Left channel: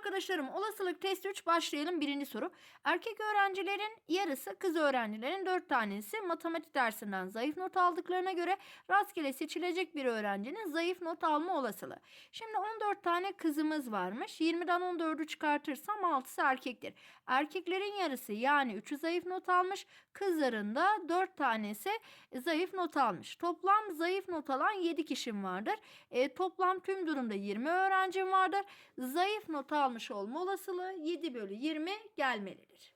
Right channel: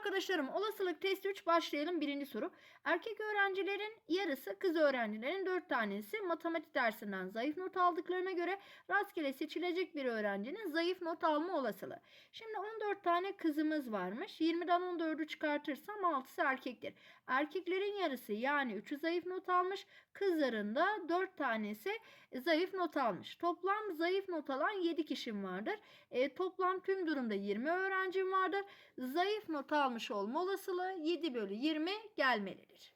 arkadaşlarım olasılık test 3 başlayalım. Birinci soru. Erkek öğrencilerin yarısı kız öğrencilerin 4 tanesi matematik dersinden zayıf not aldıklarına göre rastgele seçilecek bir öğrencinin zayıf not alma olasılığı. Şimdi 14 tane kızımız varmış. 20'den 14'ü çıkartırsam 6'sı erkektir. Erkeklerin yarısı yani 3'ü zayıf not almış. Kızların da 4 tanesi zayıf not almış. Toplam zayıf not alan 7 kişim vardır. E, toplam tüm durumda 20 öğrencim vardır. Zayıf not almış olma olasılığı 7 bölü 20 gelmelidir.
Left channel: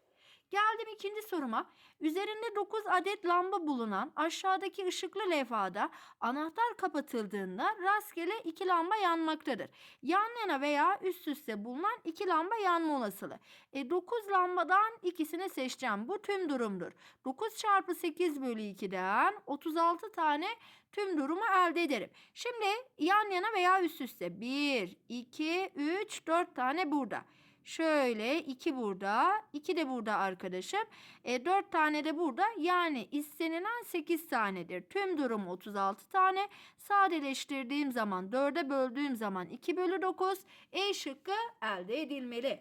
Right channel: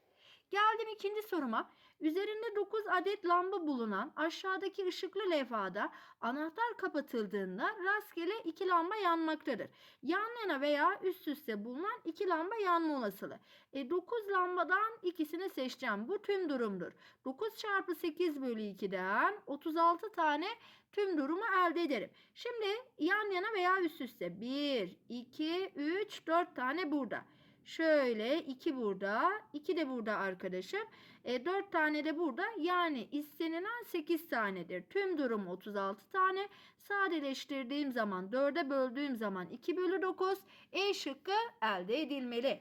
Geldim ikinci soruma. Üzerinde 9 adet lamba bulunan aşağıdaki ışıklı levhada anahtar kapatıldığında rastgele iki lamba yanmaktadır. Yan yana veya üst üste bulunan iki lamba yanma olasılığı. E, 9 lambadan ikisini seçeceğim. Bu tüm durumdur. 9 çarpı 8 bölü 2'den 36 tane tüm durumu elde ederim. Şimdi yan yana veya üst üste 1, 2, 3, 4 tane burada. Şöyle 2 burada, 2 de burada arkadaşım. E, 4 tane de burada. Yani istenilen 8 tanedir. Tüm durum 36 tane. Sadeleştirdiğim zaman 4'e böldüğüm zaman 2 bölü 9 E şıkkı elde edilmeli.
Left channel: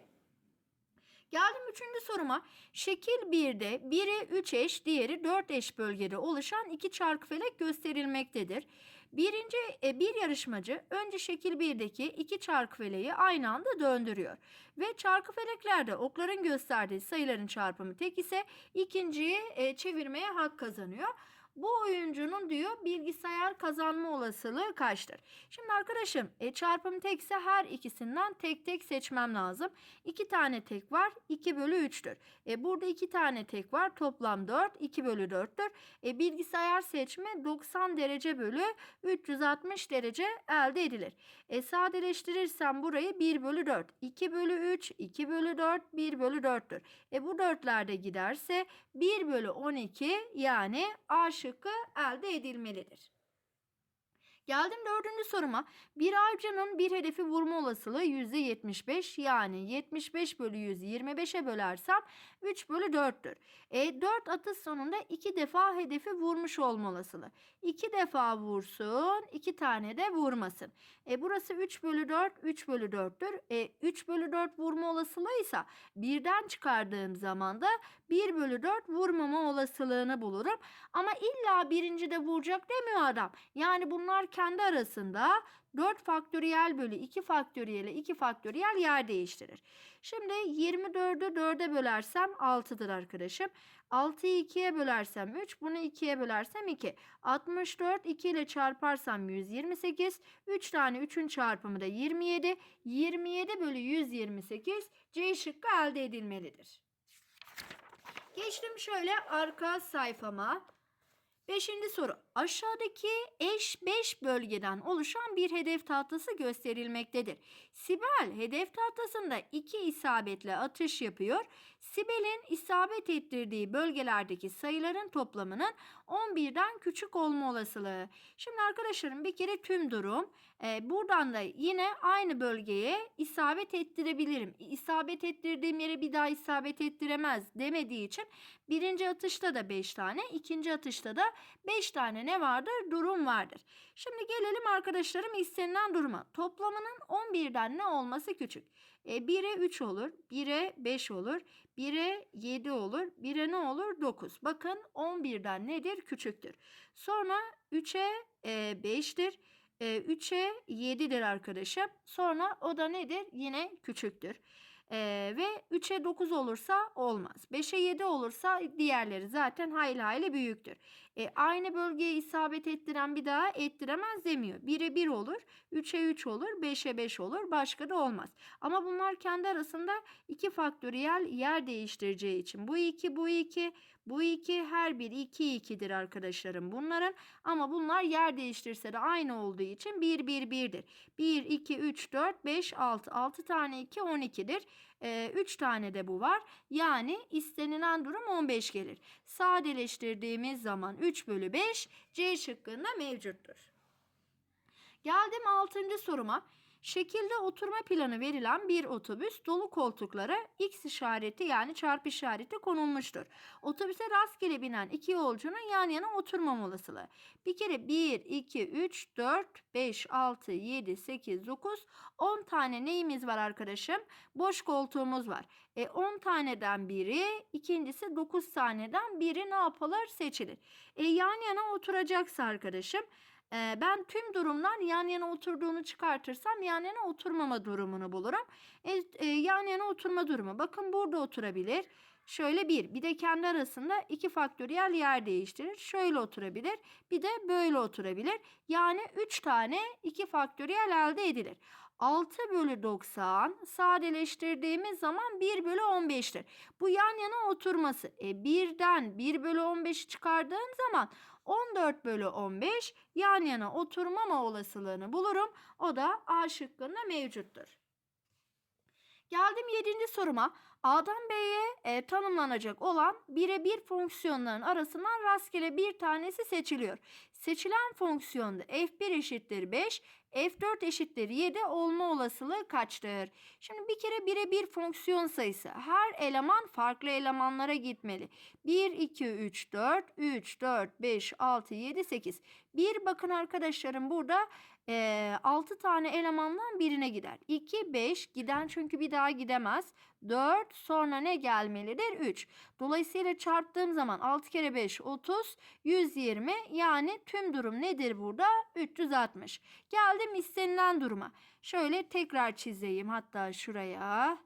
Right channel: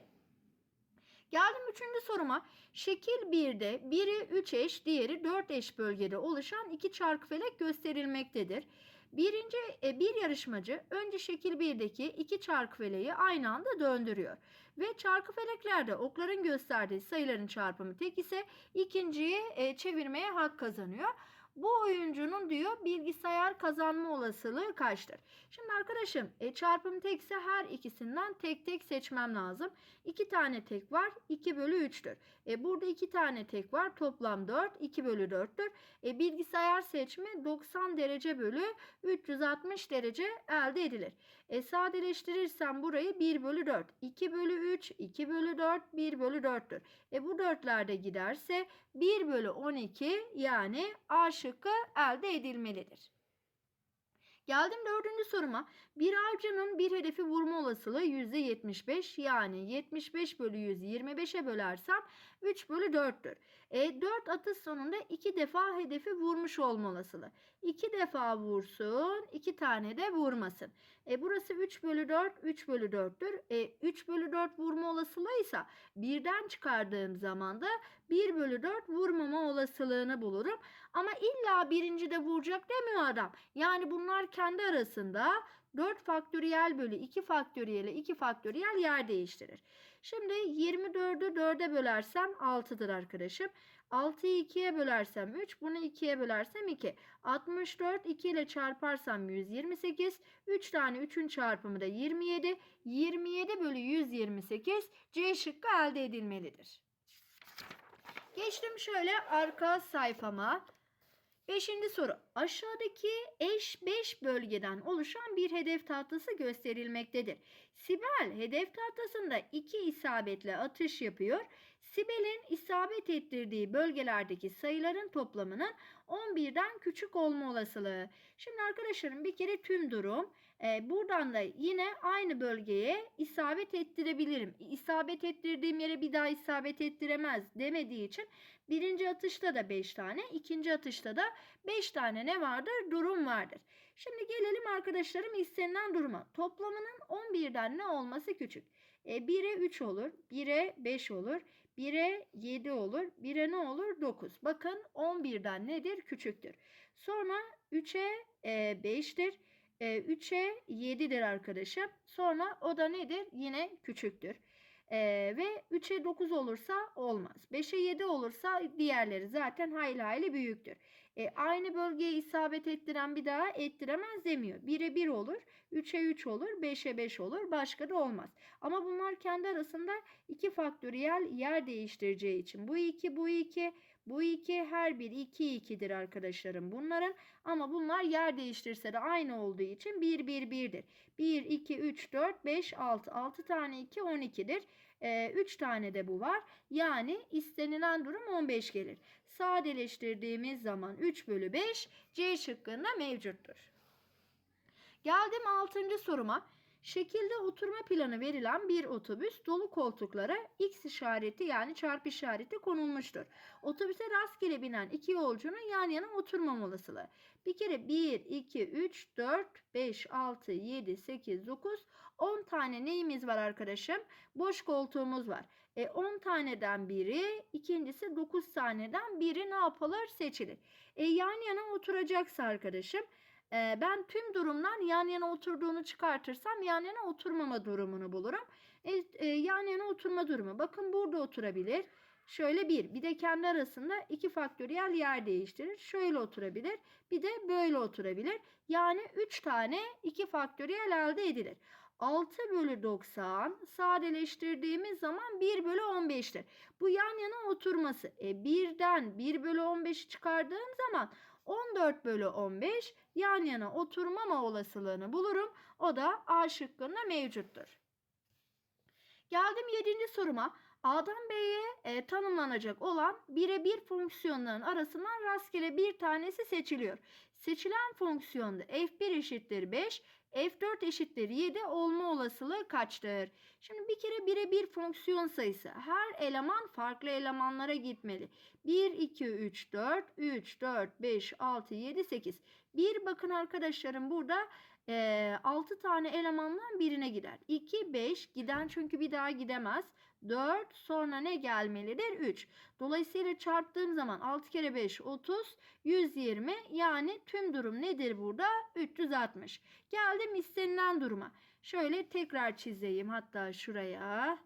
Geldim üçüncü soruma. Şekil 1'de biri 3 eş, diğeri 4 eş bölgede oluşan iki çarkıfelek gösterilmektedir. Birinci e, bir yarışmacı önce şekil 1'deki iki çarkıfeleği aynı anda döndürüyor. Ve çarkıfeleklerde okların gösterdiği sayıların çarpımı tek ise ikinciyi e, çevirmeye hak kazanıyor. Bu oyuncunun diyor bilgisayar kazanma olasılığı kaçtır? Şimdi arkadaşım e, çarpım tekse her ikisinden tek tek seçmem lazım. 2 tane tek var 2 bölü 3'tür. E, burada 2 tane tek var toplam 4 2 bölü 4'tür. E, bilgisayar seçme 90 derece bölü 360 derece elde edilir. E, sadeleştirirsem burayı 1 bölü 4 2 bölü 3 2 bölü 4 1 bölü 4'tür. E, bu 4'ler de giderse 1 bölü 12 yani A şıkkı elde edilmelidir. Geldim dördüncü soruma. Bir avcının bir hedefi vurma olasılığı %75 yani 75 bölü 100'ü 25'e bölersem 3 bölü 4'tür. E, 4 atış sonunda 2 defa hedefi vurmuş olma olasılığı. 2 defa vursun 2 tane de vurmasın. E, burası 3 bölü 4 3 bölü 4'tür. E, 3 bölü 4 vurma olasılığı ise birden çıkardığım zaman da 1 bölü 4 vurmama olasılığını bulurum. Ama illa birinci de vuracak demiyor adam. Yani bunlar kendi arasında 4 faktöriyel bölü 2 faktöriyel 2 faktöriyel yer değiştirir. Şimdi 24'ü 4'e bölersem 6'dır arkadaşım. 6'yı 2'ye bölersem 3, bunu 2'ye bölersem 2. 64 2 ile çarparsam 128. 3 tane 3'ün çarpımı da 27. 27 bölü 128 C şıkkı elde edilmelidir. Geçtim şöyle arka sayfama. Beşinci soru. Aşağıdaki eş 5 bölgeden oluşan bir hedef tahtası gösterilmektedir. Sibel hedef tahtasında iki isabetle atış yapıyor. Sibel'in isabet ettirdiği bölgelerdeki sayıların toplamının 11'den küçük olma olasılığı. Şimdi arkadaşlarım bir kere tüm durum. Buradan da yine aynı bölgeye isabet ettirebilirim. İsabet ettirdiğim yere bir daha isabet ettiremez demediği için birinci atışta da 5 tane, ikinci atışta da 5 tane ne vardır? Durum vardır. Şimdi gelelim arkadaşlarım istenilen duruma. Toplamının 11'den ne olması küçük? E, 1'e 3 olur, 1'e 5 olur, 1'e 7 olur, 1'e ne olur? 9. Bakın 11'den nedir? Küçüktür. Sonra 3'e e, 5'tir. E, 3'e 7'dir arkadaşım. Sonra o da nedir? Yine küçüktür. Ee, ve 3'e 9 olursa olmaz. 5'e 7 olursa diğerleri zaten hayli hayli büyüktür. E, aynı bölgeye isabet ettiren bir daha ettiremez demiyor. 1'e 1 olur, 3'e 3 olur, 5'e 5 olur, başka da olmaz. Ama bunlar kendi arasında iki faktöriyel yer değiştireceği için bu 2, bu 2, bu 2 her biri 2 2'dir arkadaşlarım bunların. Ama bunlar yer değiştirse de aynı olduğu için 1 1 1'dir. 1 2 3 4 5 6 6 tane 2 12'dir. 3 tane de bu var. Yani istenilen durum 15 gelir. Sadeleştirdiğimiz zaman 3 bölü 5 C şıkkında mevcuttur. Geldim 6. soruma. Şekilde oturma planı verilen bir otobüs dolu koltuklara X işareti yani çarpı işareti konulmuştur. Otobüse rastgele binen iki yolcunun yan yana oturmam olasılığı. Bir kere 1, 2, 3, 4, 5, 6, 7, 8, 9, 10 tane neyimiz var arkadaşım? Boş koltuğumuz var. E 10 taneden biri, ikincisi 9 taneden biri ne yapılır? Seçilir. E yan yana oturacaksa arkadaşım ben tüm durumdan yan yana oturduğunu çıkartırsam yan yana oturmama durumunu bulurum. E, e, yan yana oturma durumu. Bakın burada oturabilir. Şöyle bir, bir de kendi arasında iki faktöriyel yer değiştirir. Şöyle oturabilir, bir de böyle oturabilir. Yani 3 tane iki faktöriyel elde edilir. 6 bölü 90 sadeleştirdiğimiz zaman 1 bölü 15'tir. Bu yan yana oturması. E 1'den 1 bölü 15'i çıkardığım zaman 14 bölü 15 yan yana oturmama olasılığını bulurum. O da A şıkkında mevcuttur. Geldim 7. soruma. A'dan B'ye e, tanımlanacak olan birebir fonksiyonların arasından rastgele bir tanesi seçiliyor. Seçilen fonksiyonda f1 eşittir 5, f4 eşittir 7 olma olasılığı kaçtır? Şimdi bir kere birebir fonksiyon sayısı. Her eleman farklı elemanlara gitmeli. 1, 2, 3, 4, 3, 4, 5, 6, 7, 8. Bir bakın arkadaşlarım burada e, 6 tane elemandan birine gider. 2, 5 giden çünkü bir daha gidemez. 4 sonra ne gelmelidir? 3. Dolayısıyla çarptığım zaman 6 kere 5 30 120 yani tüm durum nedir burada? 360. Geldim istenilen duruma. Şöyle tekrar çizeyim hatta şuraya.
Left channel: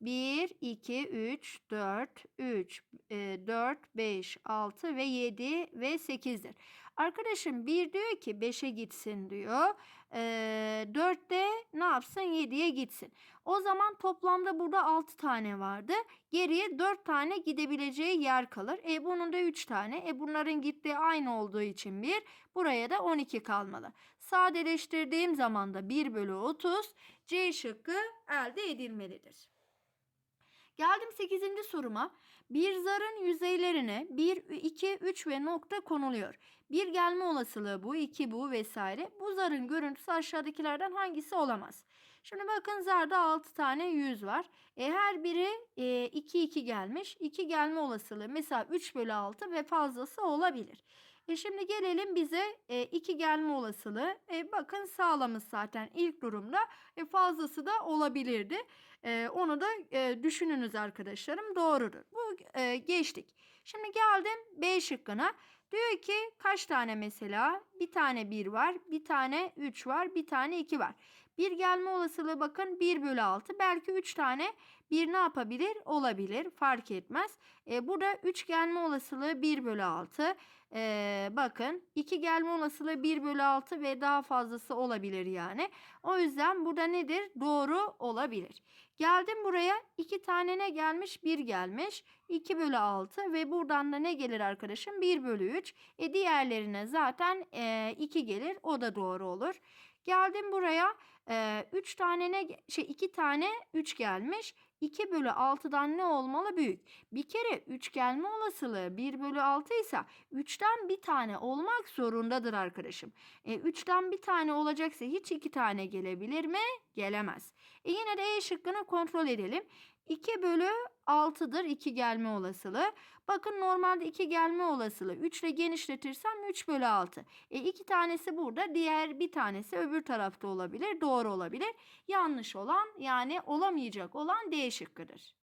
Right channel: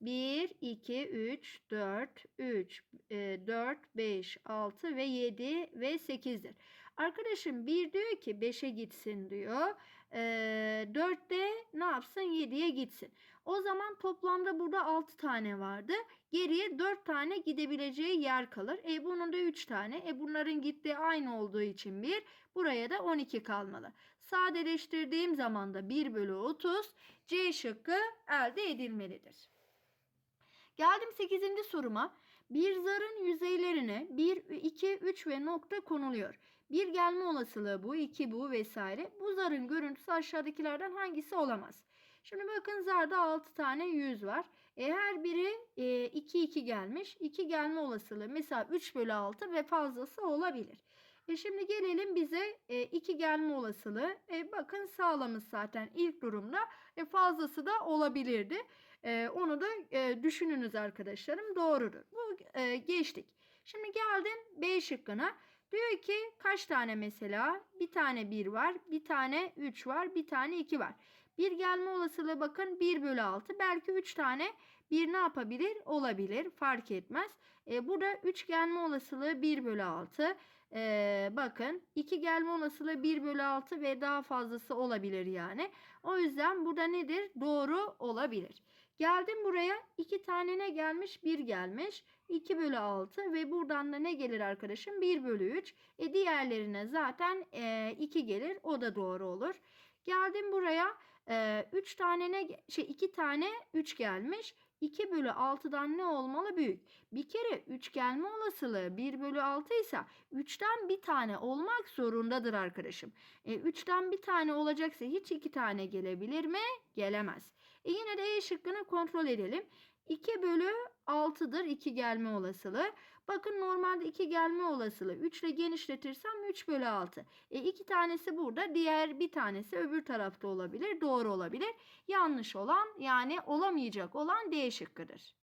1, 2, 3, 4, 3, 4, 5, 6 ve 7 ve 8'dir. Arkadaşım 1 diyor ki 5'e gitsin diyor. E, 4 de ne yapsın 7'ye gitsin. O zaman toplamda burada 6 tane vardı. Geriye 4 tane gidebileceği yer kalır. E bunun da 3 tane. E bunların gittiği aynı olduğu için 1. Buraya da 12 kalmalı. Sadeleştirdiğim zaman da 1 bölü 30 C şıkkı elde edilmelidir. Geldim 8. soruma. Bir zarın yüzeylerine 1, 2, 3 ve nokta konuluyor. Bir gelme olasılığı bu, 2 bu vesaire. Bu zarın görüntüsü aşağıdakilerden hangisi olamaz? Şimdi bakın zarda 6 tane yüz var. E, her biri 2 e, 2 gelmiş. 2 gelme olasılığı mesela 3 bölü 6 ve fazlası olabilir. E şimdi gelelim bize 2 e, gelme olasılığı. E, bakın sağlamış zaten ilk durumda. E, fazlası da olabilirdi. E, onu da e, düşününüz arkadaşlarım. Doğrudur. Bu e, geçtik. Şimdi geldim B şıkkına. Diyor ki kaç tane mesela? Bir tane 1 var, bir tane 3 var, bir tane 2 var. Bir gelme olasılığı bakın 1 bölü 6. Belki 3 tane bir ne yapabilir? Olabilir. Fark etmez. E, burada 3 gelme olasılığı 1 bölü 6. E, bakın 2 gelme olasılığı 1 bölü 6 ve daha fazlası olabilir yani. O yüzden burada nedir? Doğru olabilir. Geldim buraya 2 tane ne gelmiş? 1 gelmiş. 2 bölü 6 ve buradan da ne gelir arkadaşım? 1 bölü 3. E, diğerlerine zaten e, 2 gelir. O da doğru olur. Geldim buraya 3 ee, tane ne şey 2 tane 3 gelmiş. 2 bölü 6'dan ne olmalı büyük? Bir kere 3 gelme olasılığı 1 bölü 6 ise 3'ten bir tane olmak zorundadır arkadaşım. E, 3'ten bir tane olacaksa hiç 2 tane gelebilir mi? Gelemez. E, yine de E şıkkını kontrol edelim. 2 bölü 6'dır 2 gelme olasılığı. Bakın normalde 2 gelme olasılığı 3 ile genişletirsem 3 bölü 6. E 2 tanesi burada diğer bir tanesi öbür tarafta olabilir. Doğru olabilir. Yanlış olan yani olamayacak olan D şıkkıdır.